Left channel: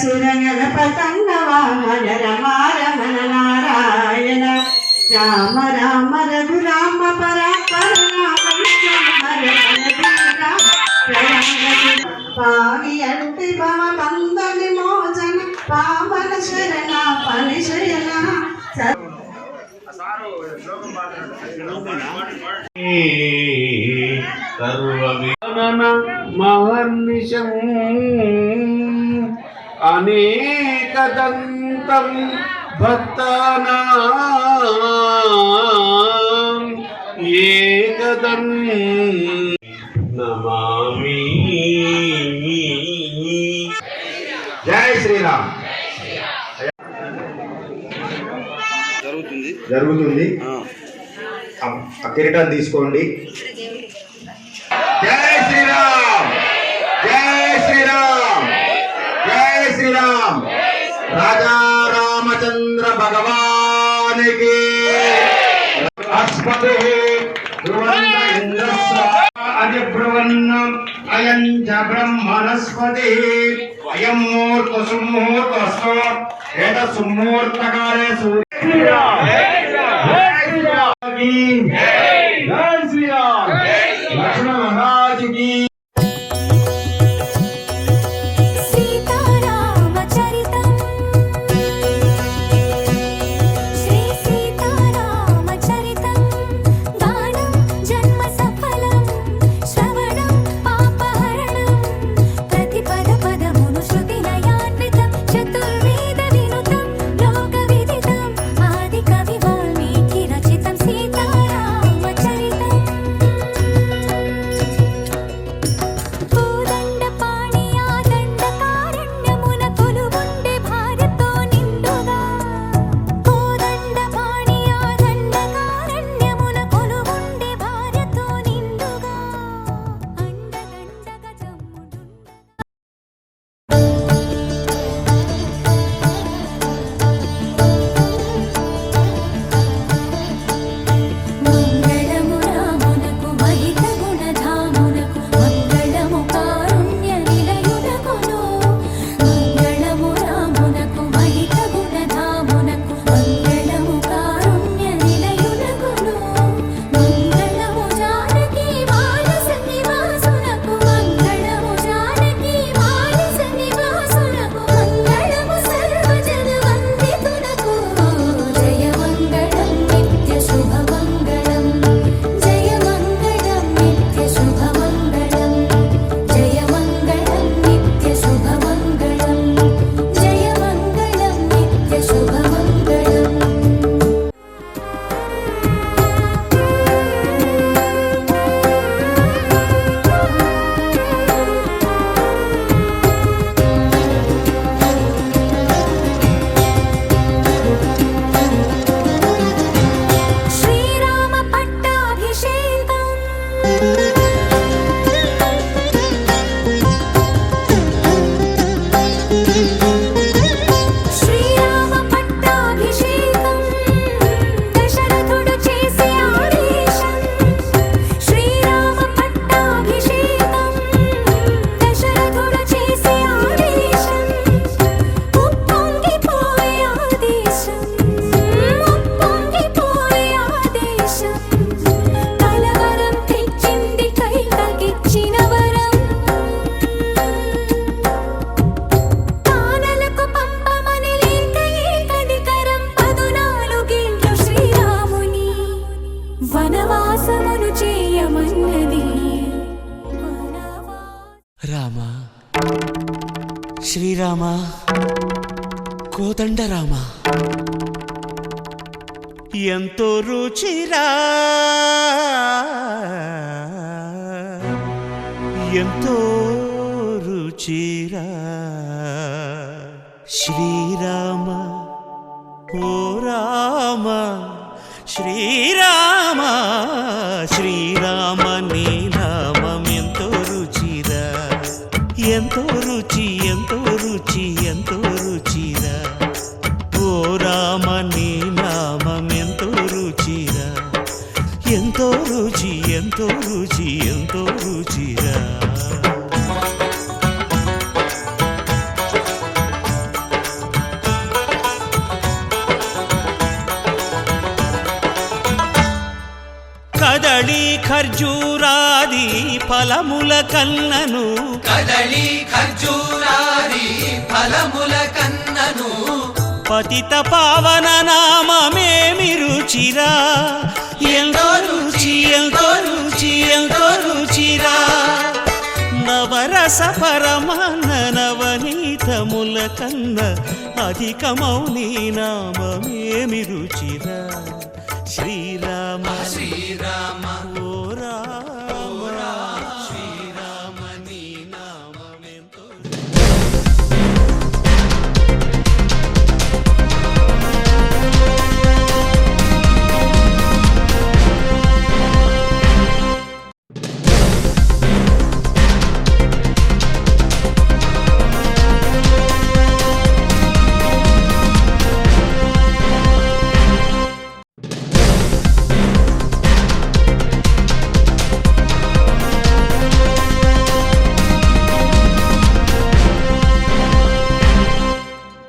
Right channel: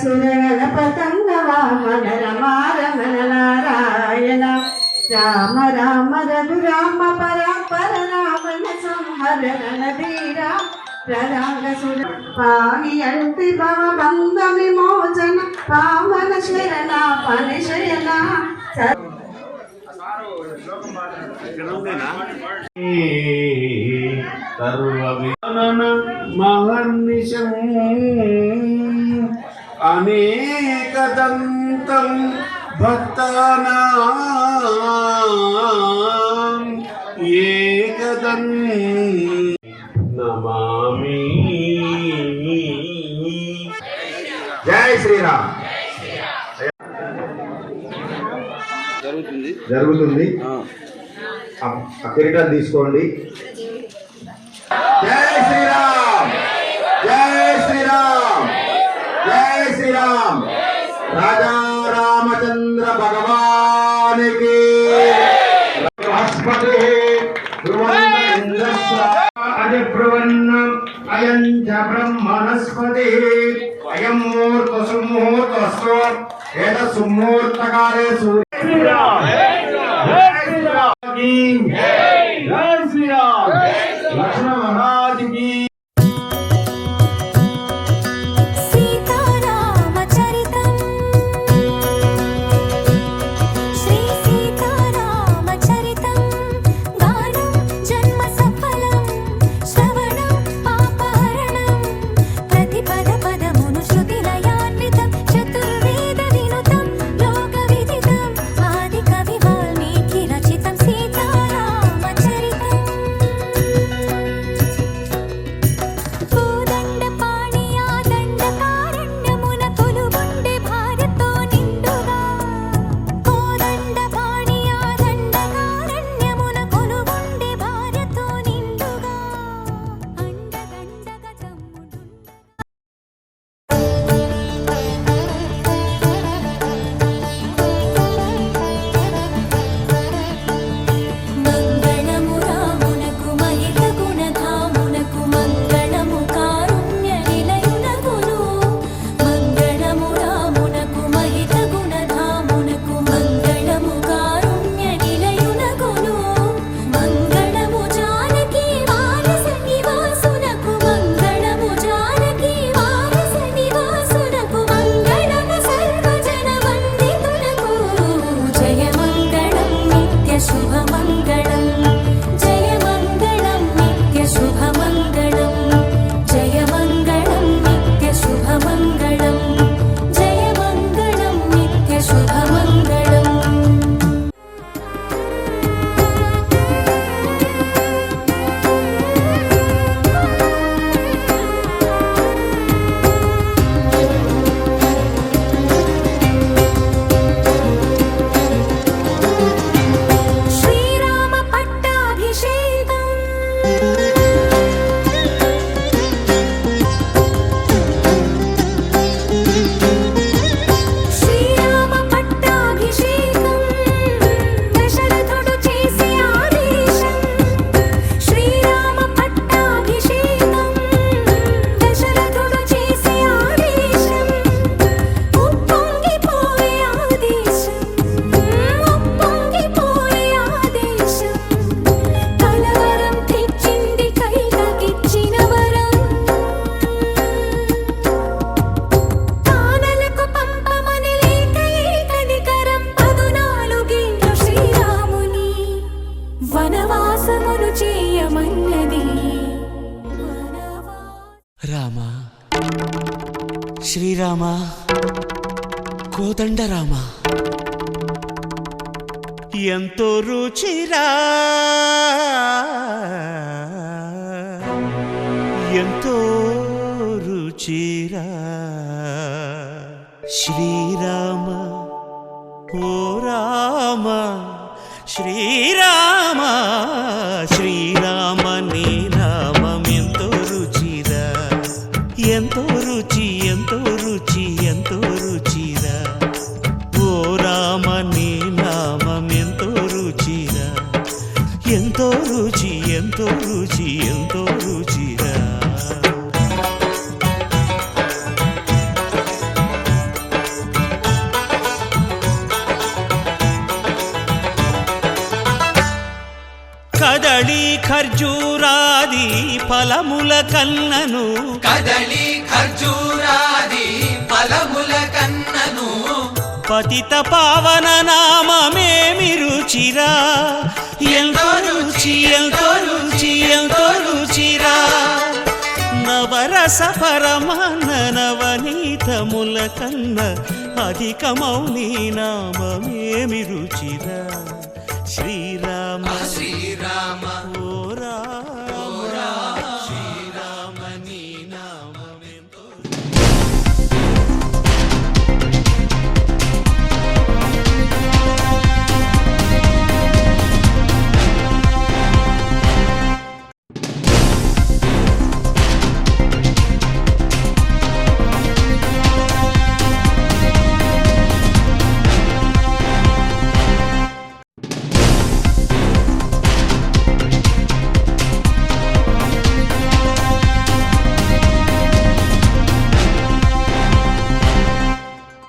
సురనరపతంగ వామన రమారమణ నారాయణ రామ రామ రఘురామ పరాపర పాని అంటి బంధ విమోచన పావన శరణ పనిశయన మహర్నిశం అనేకదంతం భక్తానాం ఏకదం నమామి. జై శ్రీరామ్. జరుగుతుంది. కిరీటం తీసుకోండి. జై శ్రీరామ్, జై శ్రీరామ్, జై శ్రీరామ్. రాజా రామచంద్ర భగవానికి అధిబ్రువన్నం అయం చ బ్రహ్మణస్పతి అయం ముహూర్త సుముహూర్తస్తు ఏత సుముహూర్తకాలే సూర్య లక్ష్మణ మహారాజ్ కి. రామ శ్రీరామ కోదండ రామ ఎంతో రుచిరా ఎంతో రుచిరా శ్రీరామ ఓ రామ శ్రీరామ శ్రీరామ నీ నామం ఎంతో రుచిరా ఎంతో రుచి ఎంతో రుచి ఎంతో రుచిరా ఓ రామ నీ నామం ఎంతో రుచిరా ఎంతో రుచి ఎంతో రుచి ఎంతో రుచిరా కదళి ఖర్జూరాది ఫలముల కన్నను కదళి ఖర్జూరాది ఫలముల కన్నను పతిత పావన నామమేమి రుచిరా ఎంతో రుచి ఎంతో రుచి ఎంతో రుచిరా నవరస పరమాన్న నవనీతముల కన్న అధికమౌ నీ నామమేమి రుచిరా శ్రీరామ శ్రీరామ ఓ